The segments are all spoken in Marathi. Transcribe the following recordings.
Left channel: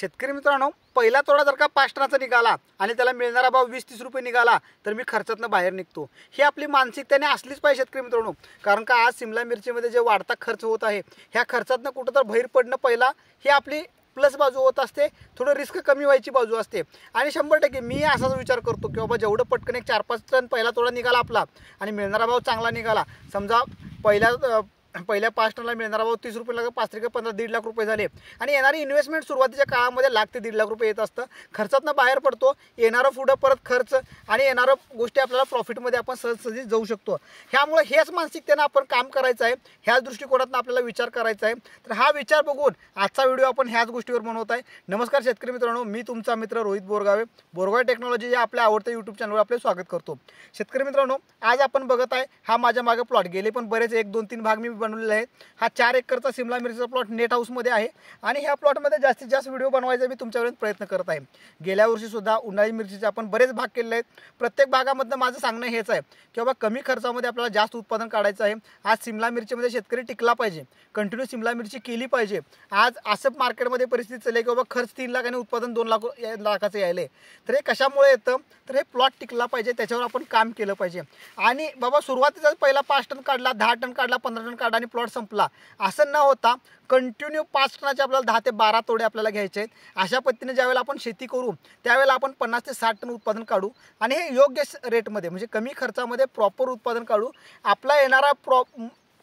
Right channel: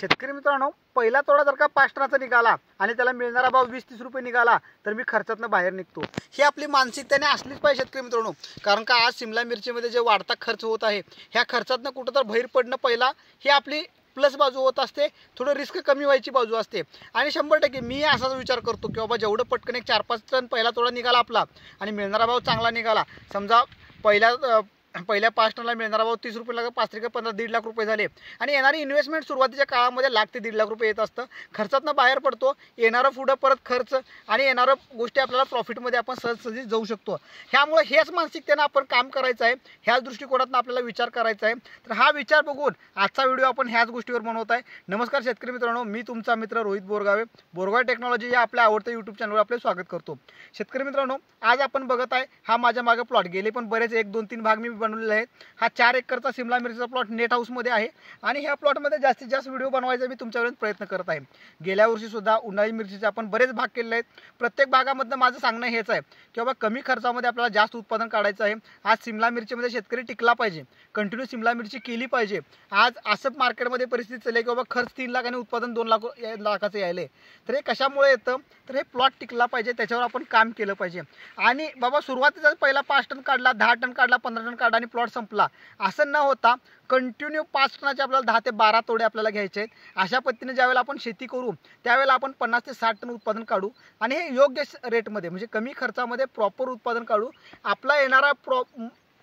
शेतकरी मित्रांनो, पहिला तोडा जर का 5 टनाचा निघाला आणि त्याला मिळणारा भाव 20-30 रुपये निघाला तर मी खर्चातनं बाहेर निघतो। ही आपली मानसिकताने असलीच पाहिजे शेतकरी मित्रांनो। कारण का आज शिमला मिरचीमध्ये जे वाढता खर्च होत आहे, ह्या खर्चातनं कुठं तर बाहेर पडणं पहिला ही आपली प्लस बाजू होत असते, थोडं रिस्क कमी व्हायची बाजू असते। आणि 100% मी असाच विचार करतो की बाबा जेवढं पटकन एक 4-5 टन पहिला तोडा निघाला आपला आणि मिळणारा भाव चांगला निघाला, समजा पहिल्या 5 टनला मिळणारा भाव 30 रुपये लागला, 5 त्रिक 15, 1.5 लाख रुपये झाले आणि येणारी इन्व्हेस्टमेंट सुरुवातीच्या काळामध्ये 1 ते 1.5 लाख रुपये येत असतं। खर्चातनं बाहेर पडतो, येणारं पुढं परत खर्च आणि येणारं गोष्टी आपल्याला प्रॉफिटमध्ये आपण सहजसहजी जाऊ शकतो। ह्यामुळे हेच मानसिकतेनं आपण काम करायचं आहे, ह्याच दृष्टिकोनातून आपल्याला विचार करायचा आहे। तर हा विचार बघून आजचा व्हिडिओ आपण ह्याच गोष्टीवर बनवत आहे। नमस्कार शेतकरी मित्रांनो, मी तुमचा मित्र रोहित बोरगावे, बोरगावे टेक्नॉलॉजी या आपल्या आवडत्या यूट्यूब चॅनलवर आपले स्वागत करतो। शेतकरी मित्रांनो, आज आपण बघत आहे हा माझ्या मागे प्लॉट, गेले पण बरेच 1-2-3 भाग मी बनवलेले आहेत। हा 4 एकरचा शिमला मिरचीचा प्लॉट नेट हाऊसमध्ये आहे आणि ह्या प्लॉटमध्ये जास्तीत जास्त व्हिडिओ बनवायचा मी तुमच्यापर्यंत प्रयत्न करत आहे। गेल्या वर्षी सुद्धा उन्हाळी मिरचीचे आपण बरेच भाग केलेले आहेत। प्रत्येक भागामधनं माझं सांगणं हेच आहे की बाबा कमी खर्चामध्ये आपल्याला जास्त उत्पादन काढायचं आहे। आज शिमला मिरचीमध्ये शेतकरी टिकला पाहिजे, कंटिन्यू शिमला मिरची केली पाहिजे। आज असं मार्केटमध्ये परिस्थिती चालली की बाबा खर्च 3 लाख आणि उत्पादन 2 लाखाचं यायले, तर हे कशामुळे येतं, तर हे प्लॉट टिकला पाहिजे, त्याच्यावर आपण काम केलं पाहिजे। आणि बाबा सुरुवातीचा पहिला 5 टन काढला, 10 टन काढला, 15 टन काढला आणि प्लॉट संपला असं न होता कंटिन्यू 5 टनाचे आपल्याला 10 ते 12 तोडे आपल्याला घ्यायचे आहेत। अशा पद्धतीने ज्यावेळेला आपण शेती करू त्यावेळेला आपण 50 ते 60 टन उत्पादन काढू आणि हे योग्य रेटमध्ये म्हणजे कमी खर्चामध्ये प्रॉपर उत्पादन काढू। आपला येणारा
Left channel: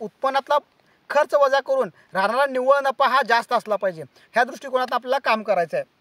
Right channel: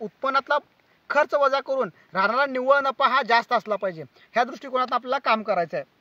उत्पन्नातला खर्च वजा करून राहणारा निव्वळ नफा हा जास्त असला पाहिजे, ह्या दृष्टिकोनात आपल्याला काम करायचं आहे।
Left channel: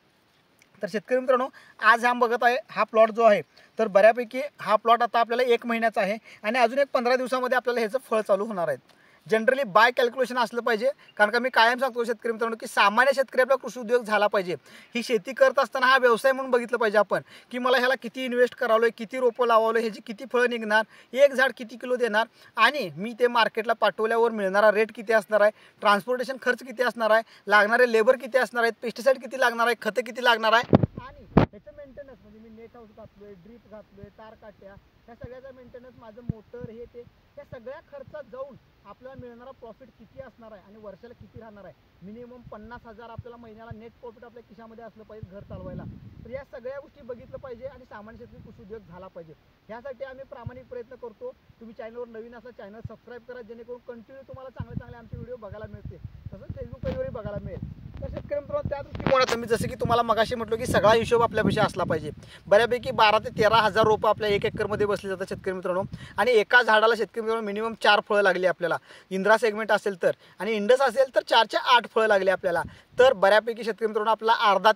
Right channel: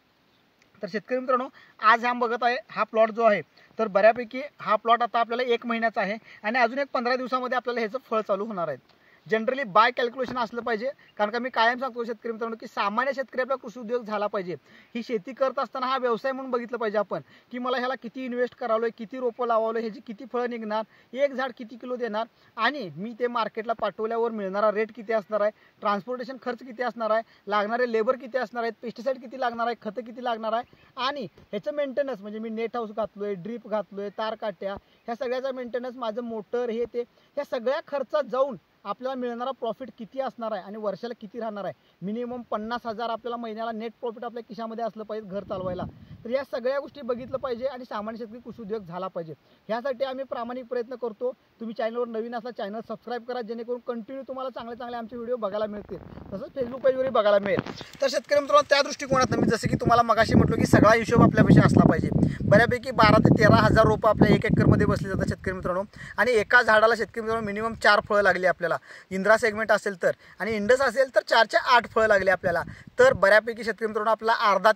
तर शेतकरी मित्रांनो, आज हा बघत आहे हा प्लॉट जो आहे तर बऱ्यापैकी हा प्लॉट आता आपल्याला 1 महिन्याचा आहे आणि अजून एक 15 दिवसामध्ये आपल्याला ह्याचं फळ चालू होणार आहे। जनरली बाय कॅल्क्युलेशन असलं पाहिजे, कारण का मी कायम सांगतो शेतकरी मित्रांनो की सामान्य शेतकरी आपला कृषी उद्योग झाला पाहिजे। ही शेती करत असताना हा व्यवसाय म्हणून बघितलं पाहिजे आपण की मला ह्याला किती इन्व्हेस्ट करावलं, किती रोपं लावावलं, ह्याची किती फळं निघणार, एक झाड किती किलो देणार आणि मी ते मार्केटला पाठवल्यावर मिळणारा रेट किती असणार आहे, ट्रान्सपोर्टेशन खर्च किती असणार आहे, लागणारे लेबर किती असणार आहेत, पेस्टिसाईड किती लागणार आहे, खतं किती लागणार आहे आणि ह्याचं मेंटेनन्स म्हणजे मी नेट हाऊस घातलोय, ड्रीप घातलोय, तार काट्या, ह्या सगळ्याचा मेंटेनन्स, माझं मोटर, हे ते, ह्या सगळ्या खर्चात जाऊन आपल्याला मिळणारा प्रॉफिट किती असणार आहे आणि वर्षाला किती राहणार आहे। मिनिमम 50,000 आपल्याला महिन्याला नेट प्रॉफिट आपल्या खिशामध्ये असलं पाहिजे घर चालवायला। तर या सगळ्या गोष्टी बघितलं पाहिजे आणि सामान्य शेतकरी कृषी उद्योग झाला पाहिजे, ह्यासाठी आम्ही प्रामाणिक प्रयत्न करतो। तुम्ही चॅनलवर नवीन असला चॅनल सबस्क्राईब करा, जेणेकरून कंटिन्यू तुम्हाला चांगले चांगले आमचे व्हिडिओ बघायला मिळतील, तसंच फेसबुक पेजवरही बघायला मिळेल। तर शेतकरी मित्रांनो, त्या दृष्टिकोनातून मी जसं की तुम्हाला मगाशी म्हटलो की सगळा हिशोब आपल्यापाशी असला पाहिजे। बऱ्यापैकी 12 ते 13,000 रोपं आपल्या 1 एकरमध्ये बसली जातात शेतकरी मित्रांनो आणि एका झाडाला शेतकरी मित्रांनो मिनिमम 4 फळं लागली आपल्याला। इंद्रा सेगमेंट असेल तर आणि इंडस असेल तर 4 ते 8 फळं लागले आपल्याला। तर बऱ्यापैकी शेतकरी मित्रांनो आपल्याला अर्धा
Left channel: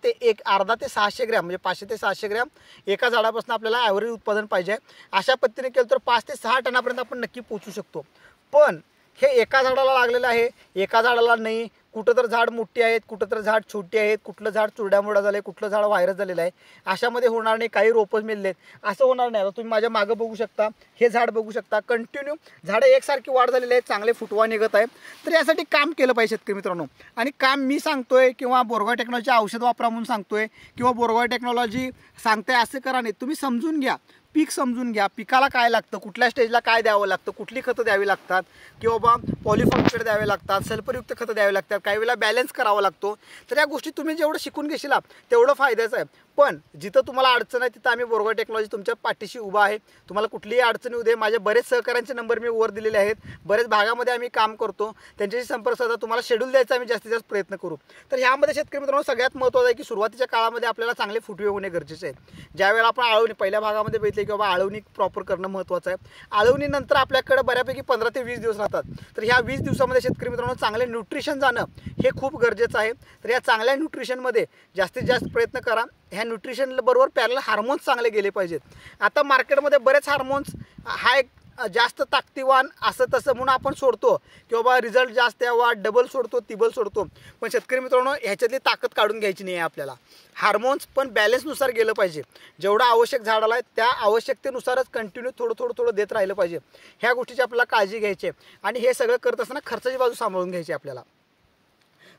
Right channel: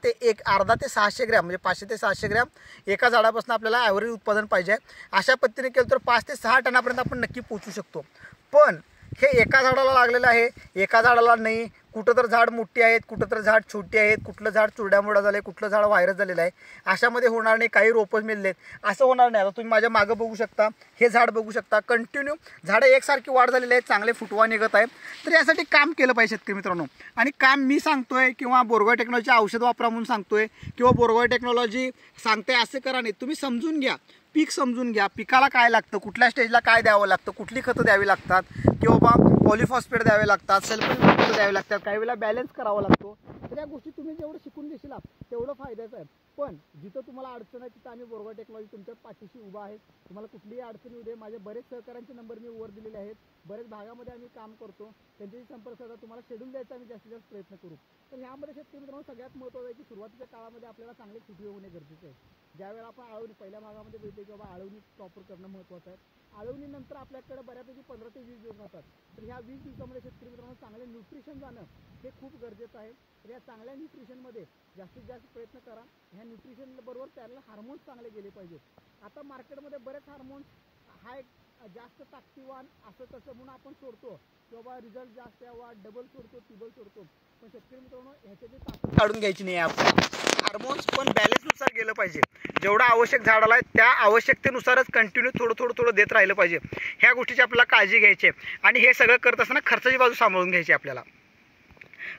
ते 600 ग्रॅम म्हणजे 500 ते 600 ग्रॅम एका झाडापासून आपल्याला ॲव्हरेज उत्पादन पाहिजे। अशा पद्धतीने केलं तर 5 ते 6 टनापर्यंत आपण नक्की पोहोचू शकतो। पण हे एका झाडाला लागलेलं आहे, एका झाडाला नाही। कुठं तर झाड मोठी आहेत, कुठं तर झाड छोटी आहेत, कुठलं झाड चुरड्यामुळा झालं आहे, कुठलं झाड व्हायरस झालेलं आहे, अशामध्ये होणार नाही। काही रोपं मिळलेत असं होणार नाही। आता तुम्ही माझ्या मागं बघू शकता, हे झाड बघू शकता, कंटिन्यू झाडं एकसारखी वाढ झालेली आहे, चांगले फुटवा निघत आहे। तर यासाठी काम केलं पाहिजे शेतकरी मित्रांनो आणि काम मी सांगतोय किंवा बोरगाव टेक्नॉलॉजी औषध वापरा म्हणून सांगतोय किंवा बोरगाव टेक्नॉलॉजी सांगते असं करा नाही, तुम्ही समजून घ्या, पीक समजून घ्या, पिकाला काय लागतं, कुठल्या स्टेजला काय द्यावं लागतं, कुठली खतं द्यावी लागतात किंवा बाबा पॉलिफॉस्फेट द्यावे लागतात, सल्फरयुक्त खतं द्यावे लागतात, काही वेळेला बॅलन्स करावा लागतो। तर या गोष्टी तुम्ही जेवढं शिकून घेशील तेवढं फायद्याचं आहे। पण जिथं तुम्हाला अडचण आहे तिथं आम्ही बोरगाव टेक्नॉलॉजी तुमच्या पाठीशी उभा आहे। तुम्हाला कुठलीही अडचण येऊ दे, माझे बरेच सहकाऱ्यांचे नंबर मी वर दिलेले आहेत, बरेच भागामध्ये आम्ही काम करतो, त्यांच्याशी संपर्क साधा, तुम्हाला शेड्यूल द्यायचा आम्ही जास्तीत जास्त प्रयत्न करू। तर ह्यामध्ये शेतकरी मित्रांनो सगळ्यात महत्त्वाचं आहे की सुरुवातीच्या काळामध्ये आपल्याला चांगले फुटवे होणे गरजेचे आहे। ज्यावेळेला आपण आळवणी पहिल्या भागामध्ये बघितले की बाबा आळवणी प्रॉपर करणं महत्त्वाचं आहे। आळवणीनंतर आपल्याकडे बऱ्यापैकी 15 ते 20 दिवस राहतात। तर ह्या 20 दिवसामध्ये शेतकरी मित्रांनो चांगले न्यूट्रिशन जाणं हे खूप गरजेचं आहे। तर या चांगल्या न्यूट्रिशनमध्ये जास्तीत जास्त प्रयत्न करा। ह्या न्यूट्रिशन बरोबर पॅरल हार्मोन्स चांगले गेले पाहिजेत। आता मार्केटमध्ये बरेच हार्मोन्स हा एक जास्त ताकदीवान असं तसं म्हणून आपण सोडतो की बाबा रिझल्ट जास्त यावा, डबल सोडतो, तिबल सोडतो, पण शेतकरी मित्रांनो ह्याच्यातली ताकद काढून घ्यायची नाही आहे आपल्याला। हार्मोन्स पण बॅलन्सनुसार गेलं पाहिजे, जेवढं आवश्यक झाडाला आहे त्या आवश्यकतेनुसारच कंटिन्यू थोडं देत राहिलं पाहिजे। ह्या गोष्टीची आपल्याला काळजी घ्यायची आहे आणि हे सगळं करत असताना खर्चाची बाजू सांभाळून घ्यायची आपल्याला।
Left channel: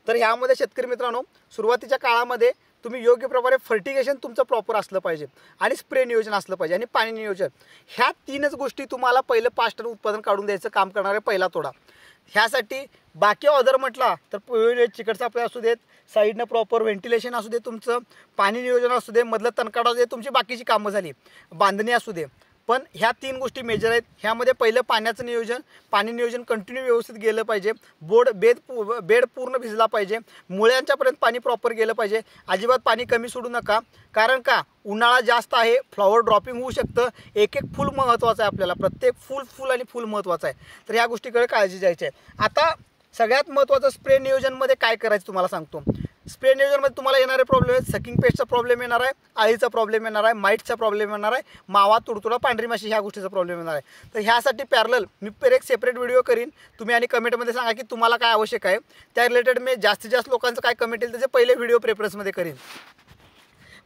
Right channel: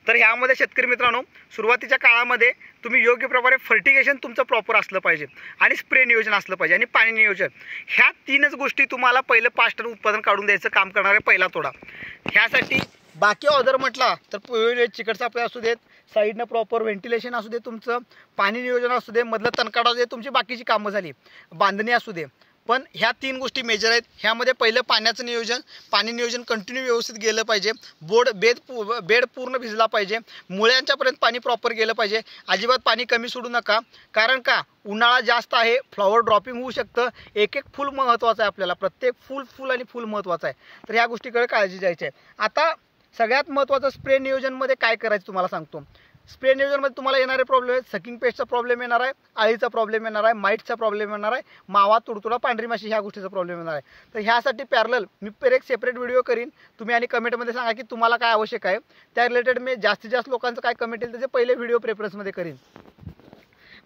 तर ह्यामध्ये शेतकरी मित्रांनो सुरुवातीच्या काळामध्ये तुम्ही योग्य प्रकारे फर्टिगेशन तुमचं प्रॉपर असलं पाहिजे आणि स्प्रे नियोजन असलं पाहिजे आणि पाणी नियोजन, ह्या 3च गोष्टी तुम्हाला पहिलं 5 टन उत्पादन काढून द्यायचं काम करणारे पहिला तोडा। ह्यासाठी बाकी ऑर्डर म्हटला तर चिकट सापळे असू देत, साईडनं प्रॉपर व्हेंटिलेशन असू दे, तुमचं पाणी नियोजन असू दे, मधलं तणकाडा असू दे, तुमची बाकीची कामं झाली, बांधणी असू दे. पण ह्या 3 गोष्टी मेजर आहेत. ह्यामध्ये पहिलं पाण्याचं नियोजन, पाणी नियोजन कंटिन्यू व्यवस्थित गेलं पाहिजे. बेड पूर्ण भिजला पाहिजे. मुळ्यांच्यापर्यंत पाणी प्रॉपर गेलं पाहिजे. अजिबात पाणी कमी सोडू नका. कारण का उन्हाळा जास्त आहे, फ्लॉवर ड्रॉपिंग होऊ शकतं. एक फूल महत्त्वाचं आहे आपल्याला, प्रत्येक फूल आणि फूल महत्त्वाचं आहे. तर ह्या गोष्टीकडे काळजी घ्यायची आहे. आता सगळ्यात महत्त्वाचं स्प्रे नियोजनमध्ये काय करायचं तुम्हाला सांगतो. स्प्रे नियोजनमध्ये तुम्हाला येणारे प्रॉब्लेम आहेत. सकिंग पेस्टचा प्रॉब्लेम येणार आहे, आळीचा प्रॉब्लेम येणार आहे, माईटचा प्रॉब्लेम येणार आहे, मावा, तुडतुडा, पांढरी माशी ह्या गोष्टीचा प्रॉब्लेम येणार आहे. तर ह्यासाठी पॅरलल मी एक सेपरेट व्हिडिओ करीन. तुम्ही आणि कमेंटमध्ये सांगा की तुम्हाला काय आवश्यक आहे. त्या रिलेटेड मी जास्तीत जास्त लोकांचं काय कमेंट येईल त्याचे पहिले व्हिडिओ प्रेफरन्समध्ये करीन.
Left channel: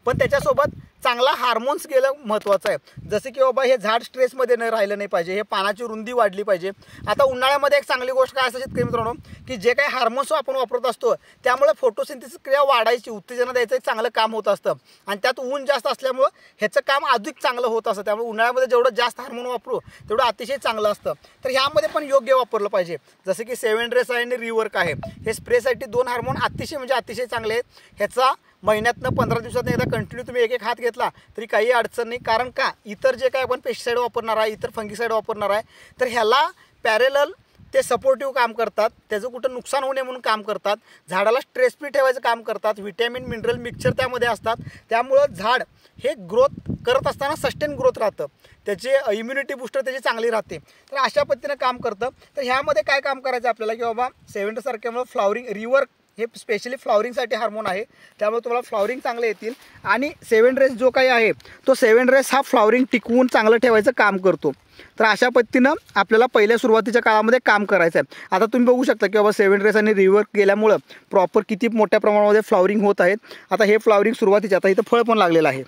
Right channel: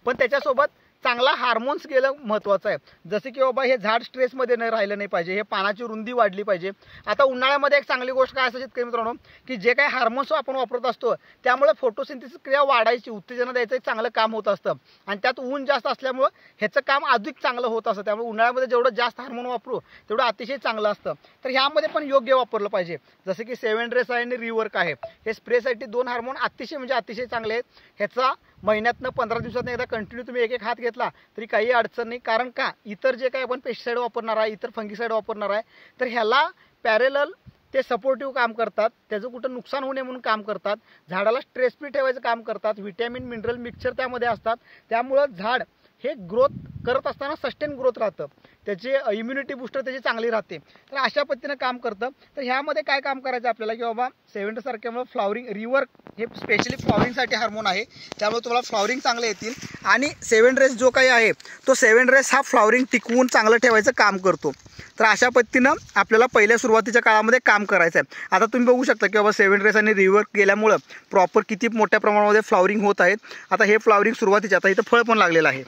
पण त्याच्यासोबत चांगला हार्मोन्स गेलं महत्त्वाचं आहे. जसे की बाबा हे झाड स्ट्रेसमध्ये नाही राहिलं नाही पाहिजे, हे पानाची रुंदी वाढली पाहिजे. आता उन्हाळ्यामध्ये एक चांगली गोष्ट काय असते शेतकरी मित्रांनो, की जे काही हार्मोन्स आपण वापरत असतो त्यामुळे फोटोसिंथेसिस क्रिया वाढायची, उत्तेजना द्यायचं एक चांगलं काम होत असतं. आणि त्यात ऊन जास्त असल्यामुळं ह्याचं काम अधिक चांगलं होत असतं. त्यामुळे उन्हाळ्यामध्ये जेवढं जास्त हार्मोन वापरू तेवढं अतिशय चांगलं असतं. तर ह्यामध्ये पण योग्य वापरलं पाहिजे. जसं की 7 ड्रेस आहे आणि रिवर्क आहे, हे स्प्रेसाठी 2 हार्मोन अतिशय चांगले आहेत. ह्याचा महिन्यातनं 15 दिवसातनं एकदा कंटिन्यू तुम्ही एक हात घेतला तरी काही अडचण नाही. कारण का इतर जे काही आपण पेस्टिसाईड वापरणार आहे, इतर फंगिसाईड वापरणार आहे, तर ह्याला पॅरेलल ते सपोर्टिव्ह काम करतात. त्याचं कुठं नुकसान होऊ नये म्हणून काम करतात. झाडाला स्ट्रेस फ्री ठेवायचं काम करतात. व्हिटॅमिन मिनरल मिक्सचर त्यामध्ये असतात. त्यामुळं झाड हे ग्रोथ करत असताना सस्टेन ग्रोथ राहतं, त्याची इम्युनिटी बुस्टर त्याची चांगली राहते. तर अशा पद्धतीनं काम करतं. तर ह्यामध्ये काय काम करायचं आपल्याला की बाबा 7 सारख्यामुळे फ्लॉवरिंग रिवर्क हे स्पेशली फ्लॉवरिंगसाठी हार्मोन आहे. त्यामुळे तुम्हाला फ्लॉवरिंग चांगले येतील. आणि 7 ड्रेस जो काही आहे तो 7 ड्रेस हा फ्लॉवरिंग टिकवून चांगलं ठेवायचं काम करतो. तर अशा पद्धतीनं आपल्याला पहिल्या सुरुवातीच्या काळामध्ये काम करायचं आहे. आता तुम्ही बघू शकता की बाबा 7 ड्रेस आणि रिवर्क गेल्यामुळं प्रॉपर किती मोठ्या प्रमाणामध्ये फ्लॉवरिंग होत आहेत. आता हे फ्लॉवरिंग सुरुवातीच्या, आता इथं फळ पण लागलेलं आहे,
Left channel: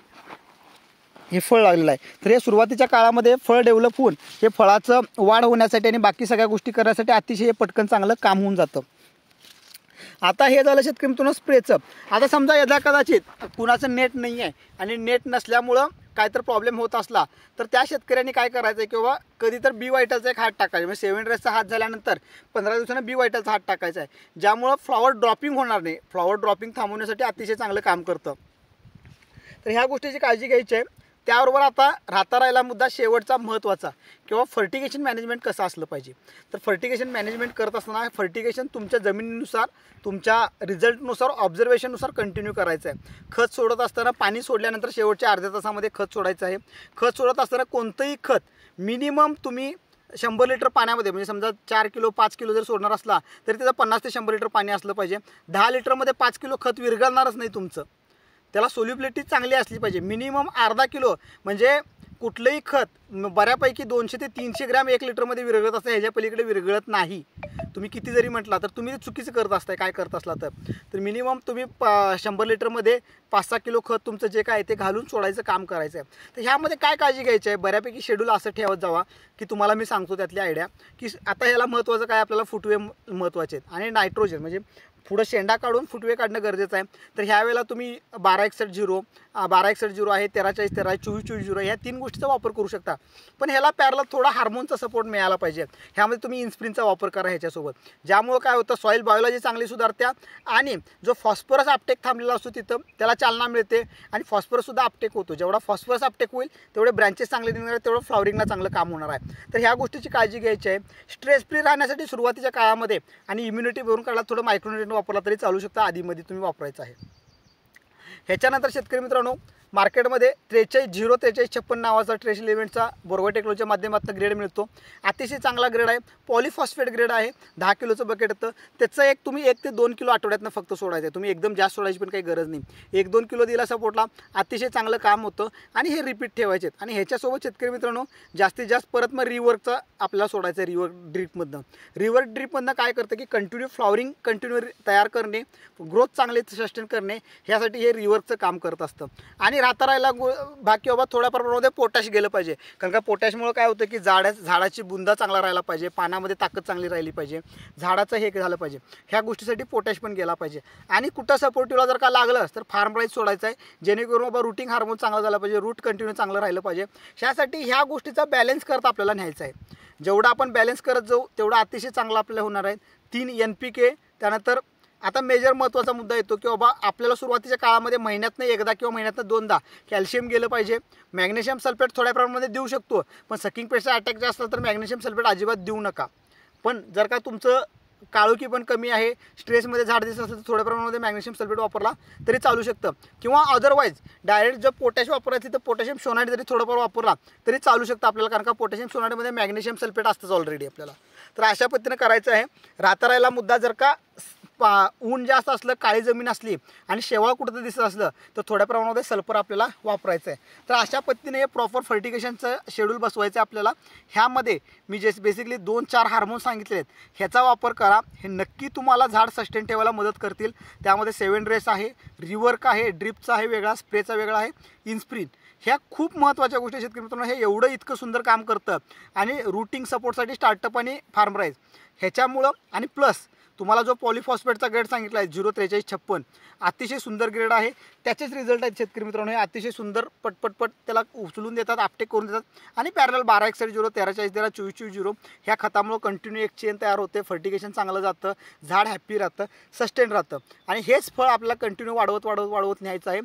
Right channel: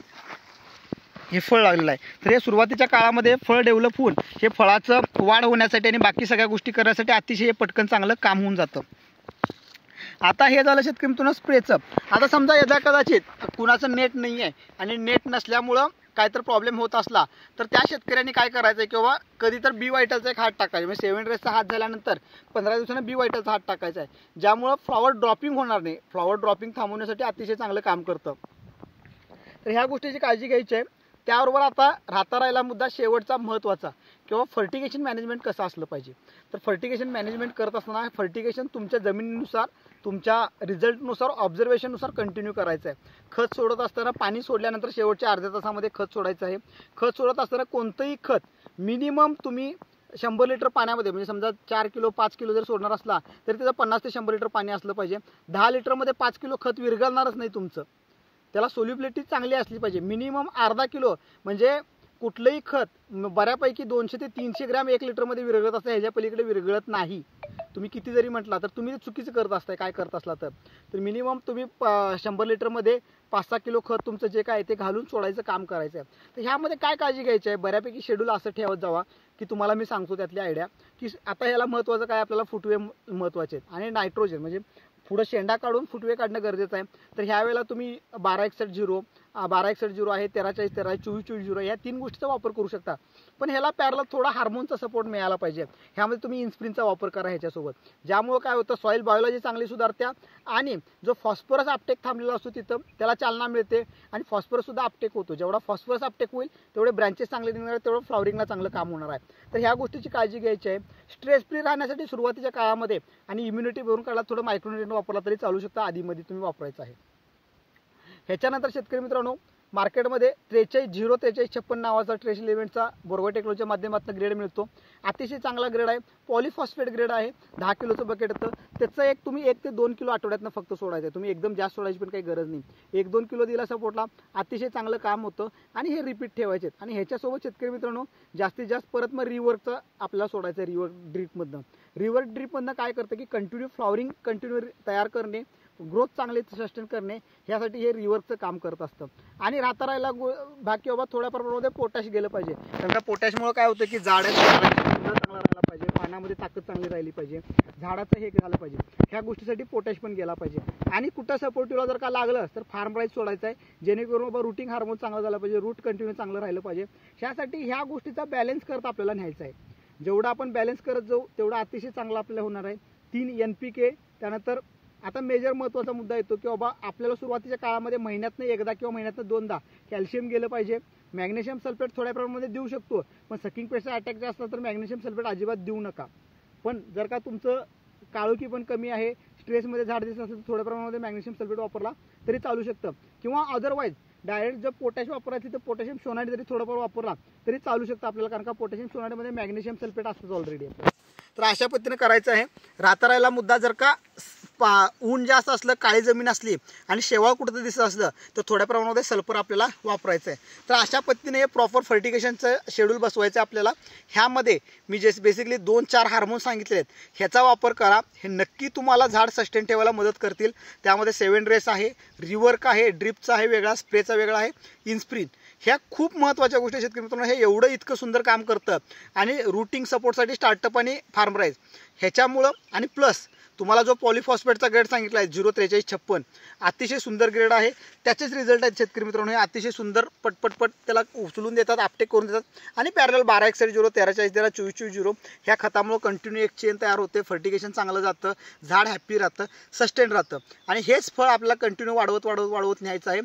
हे फळ लागलेलं आहे. तर हे सुरुवातीच्या काळामध्ये फळ डेव्हलप होऊन हे फळाचं वाढ होण्यासाठी आणि बाकी सगळ्या गोष्टी करण्यासाठी अतिशय पटकन चांगलं काम होऊन जातं. आता हे झालं शेतकरी मित्रांनो स्प्रेचं. आता समजा यदा कदाचित कुणाचं नेट नाही आहे आणि नेट नसल्यामुळं काय तर प्रॉब्लेम होत असला तर त्या शेतकऱ्यांनी काय करायचं आहे किंवा कधी तर बी वायटलचा एक हात टाकायचा. म्हणजे 7 ड्रेसचा हात झाल्यानंतर 15 दिवसांनी बी वायटलचा हात टाकायचा आहे, ज्यामुळं फ्लॉवर ड्रॉपिंग होणार नाही. फ्लॉवर ड्रॉपिंग थांबवण्यासाठी अतिशय चांगलं काम करतं. तर ह्या गोष्टीची काळजी घ्यायची आहे. त्याबरोबर आता राहिला मुद्दा शेवटचा महत्त्वाचा, किंवा फर्टिगेशन मॅनेजमेंट कसं असलं पाहिजे. तर फर्टिगेशन मॅनेजमेंट करत असताना फर्टिगेशन तुमच्या जमिनीनुसार, तुमच्या रिझल्टनुसार, ऑब्झर्वेशननुसार कंटिन्यू करायचं आहे. खत सोडत असताना पाणी सोडल्यानंतर शेवटच्या अर्ध्या तासामध्ये खत सोडायचं आहे. खत सोडत असताना कोणतंही खत मिनिमम तुम्ही 100 लिटर पाण्यामध्ये, म्हणजे समजा 4 किलो 5 किलो जर सोडणार असला तरी त्याचं 50 ते 100 लिटर पाणी असलं पाहिजे. 10 लिटरमध्ये 5 किलो खत विरघळणारच नाही तुमचं. त्याला सोल्युबिलिटी चांगली असली पाहिजे. मिनिमम अर्धा किलो, म्हणजे कुठलंही खत बऱ्यापैकी 200 ते 300 ग्रॅम 1 लिटरमध्ये विरघळत असतं, ह्याच्या पलीकडे विरघळत नाही. तुम्ही किती जरी म्हटला तर तुम्ही चुकीचं करत असताय काय करत असला तर मिनिमम तुम्ही 100 लिटरमध्ये 5-6 किलो खत तुमचं जे काय ते घालून सोडायचं काम करायचं आहे. तर ह्यामध्ये काय काळजी घ्यायची आहे, बऱ्यापैकी शेड्यूल असं ठेवत जावा की तुम्हाला मी सांगतो त्यातली आयडिया की आता ह्याला महत्त्वाचं काय, आपल्याला फुटवे महत्त्वाचे आहेत आणि नायट्रोजन, म्हणजे पुढं शेंडा काढून फुटवे काढणं गरजेचं आहे. तर ह्यावेळेला तुम्ही 1261-0 1261-0 आहे, 1340-13 आहे, 24-24-0 ह्या 3 गोष्टीचा वापर करू शकता. पण ह्याला पॅरलल थोडा हार्मोनचा सपोर्ट मिळाला पाहिजे. ह्यामध्ये तुम्ही इन्स्प्रिनचा वापर करा ह्याच्यासोबत, ज्यामुळं काय होतं सॉईल बायोलॉजी चांगली सुधारत्या आणि जो फॉस्फरस अपटेक थांबलेला असतो तिथं त्याला चालना मिळते आणि फॉस्फरससुद्धा अपटेक होतो. जेवढा फॉस्फरस अपटेक होईल तेवढे ब्रँचेस चांगले निघणार आहेत, तेवढं फ्लॉवरिंगला चांगलं काम होणार आहे. तर ह्या गोष्टीची काळजी घ्यायची आहे. स्ट्रेस फ्री राहण्यासाठी सुरुवातीच्या काळामध्ये आणि इम्युनिटी भरून काढला थोडं मायक्रोन्यूट्रिएंट वापरला तरी चालू शकता, आधीमध्ये तुम्ही वापरायचं आहे. ह्याच्यानंतर शेतकरी मित्रांनो मार्केटमध्ये 43-0-43-56 नावाचा ट्रेश इलेव्हनचा बोरगो टेक्नॉलॉजीच्या माध्यमातून ग्रेड मिळतो. अतिशय चांगला ग्रेड आहे, पॉलिफॉस्फेट ग्रेड आहे. 10 किलोचं बकेट येतं. त्याचं एक तुम्ही 1 ते 2 किलो आठवड्यातनं फक्त सोडायचं आहे. तुम्ही एकदम जास्त सोडायची पण काही गरज नाही. 1-2 किलो दिला सपोर्टला अतिशय चांगलं काम होतं आणि हे रिपीट ठेवायचे. आणि ह्याच्यासोबत शेतकरी मित्रांनो जास्तीत जास्त परत मग रिवर्कचं आपल्याला सोडायचं आहे. रिवर्क ड्रीपमधनं काय करतं की कंटिन्यू फ्लॉवरिंग कंटिन्यू तयार करणे, ग्रोथ चांगले सस्टेन करणे, ह्यासाठी हे रिवर्कचं काम करत असतं. आणि राहिला बाकी बाबा थोड्या प्रमाणामध्ये पोटॅश गेलं पाहिजे. कारण का पोटॅशमुळे काय होतं की झाडाची बुंदा चांगला राहिला पाहिजे, पानामध्ये ताकद चांगली राहिली पाहिजे, झाडाचं हे झालं पाहिजे. ह्या गोष्टीसाठी पोटॅश पण गेला पाहिजे. आणि कुठं सपोर्टिव्हला जर का लागलं तर फार्म राईस सोडायचं आहे, जेणेकरून बाबा रूटिंग हार्मोन चांगला झाला पाहिजे, रूट कंटिन्यू चांगलं राहिलं पाहिजे. ह्यासाठी ह्या गोष्टीचा बॅलन्स करत आपल्याला न्यायचा आहे. जेवढा आपण बॅलन्स करत जाऊ तेवढा अतिशय चांगला आपल्याला होणार आहे. 3 NPK, त्यानंतर आता मेजर महत्त्वाचा मुद्दा येतो की बाबा आपल्याला सुरुवातीच्या काळामध्ये महिन्यातनं एकदा किंवा महिन्यातनं दोनदा कॅल्शियम गेलं पाहिजे. मॅग्नेशियम सल्फेट थोड्या प्रमाणामध्ये देऊ शकतो, पण सकिंग पेशचा अटॅक जे असला तर मॅग्नेशियम सल्फेट अजिबात देऊ नका. पण जर का तुमचं काळोखी पण कमी आहे, स्ट्रेसमध्ये झाड दिसत असेल तर थोड्या प्रमाणामध्ये मॅग्नेशियम सल्फेट वापरला तरी चालू शकतं. किंवा अदरवाईज डायरेक्ट जर पोटॅश वापरायची तर पोटॅशियम सोनाईट जरी थोडंफार वापरला तरी चालू शकतं आपल्याला, कारण का पोटॅशियम सोनाईटमध्ये मॅग्नेशियम सल्फेट असतंच ऑलरेडी आपल्याला. तर अशा पद्धतीने करायचं आहे. राहता मुद्दा जर का ऊन जास्त असलं, काळी जमीन असली आणि शेवाळ कुठं दिसत असलं तर थोड्या प्रमाणामध्ये सल्फर आपल्याला वापरायचं आहे. तर अशा पद्धतीने हे प्रॉपर फर्टिगेशनचं शेड्यूल बसवायचं आपल्याला. ह्यामध्ये मी जे बेसिकली 2-4 हार्मोन सांगितले आहेत ह्याचा वापर करा. हे नक्की तुम्हाला झाड सस्टेन ठेवायला मदत करतील. त्यामध्ये 7 रेस आहे, रिवर्क आहे, ड्रिपचा आहे वेगळा, स्प्रेचा वेगळा आहे, इन्स्प्रिन. ह्या खूप महत्त्वाच्या गोष्टी शेतकरी मित्रांनो. हे एवढं इतकं सुंदर काम करतं. आणि रूटिंग सपोर्टसाठी स्टार्टअप आणि फार्मराईज ह्याच्यामुळं आणि प्लस तुम्हाला जो पॉलिफॉस्फेटचा ग्रेड सांगितला आहे 04356 अतिशय सुंदर ग्रेड आहे. त्याचेच रिझल्ट आहेत शेतकरी मित्रांनो. हे अतिशय सुंदर पटपट त्याला उचलून देतात, आपटेक करून देतात. आणि पॅरल 1261 1340 2420 ह्या खतामुळं कंटिन्यू एक चेन तयार होते. फर्टिगेशन चांगलं जातं, झाड हॅप्पी राहतं, सस्टेन राहतं. आणि हेच फळ आपल्याला कंटिन्यू वाढवत न्यायचं आहे.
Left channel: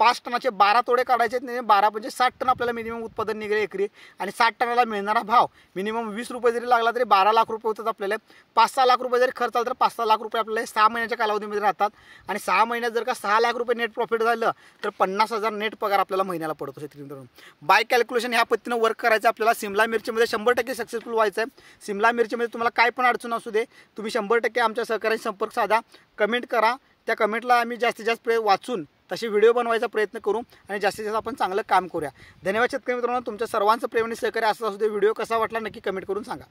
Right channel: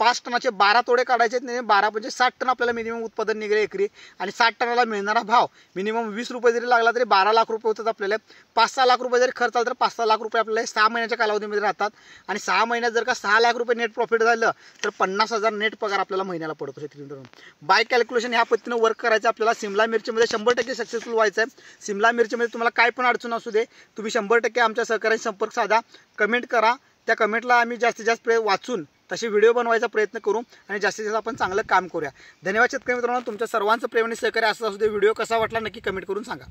5 टनाचे 12 तोडे काढायचे नाही, 12 म्हणजे 60 टन आपल्याला मिनिमम उत्पादन निघेल एकरी. आणि 60 टनाला मिळणारा भाव मिनिमम 20 रुपये जरी लागला तरी 12 लाख रुपये होतात आपल्याला. 5-6 लाख रुपये जरी खर्च आला तर 5-6 लाख रुपये आपल्याला 6 महिन्याच्या कालावधीमध्ये राहतात. आणि 6 महिन्यात जर का 6 लाख रुपये नेट प्रॉफिट झालं तर 50,000 नेट पगार आपल्याला महिन्याला पडतो शेतकरी मित्रांनो. बाय कॅल्क्युलेशन ह्या पद्धतीनं वर्क करायचं आपल्याला. सिमला मिरचीमध्ये 100% सक्सेसफुल व्हायचं आहे. सिमला मिरचीमध्ये तुम्हाला काय पण अडचण असू दे, तुम्ही 100% आमच्या सहकार्याशी संपर्क साधा, कमेंट करा. त्या कमेंटला आम्ही जास्तीत जास्त वाचून तसे व्हिडिओ बनवायचा प्रयत्न करू आणि जास्तीत जास्त आपण चांगलं काम करूया. धन्यवाद शेतकरी मित्रांनो. तुमच्या सर्वांचं प्रेम आणि सहकार्य असं असू दे. व्हिडिओ कसा वाटला नक्की कमेंट करून सांगा.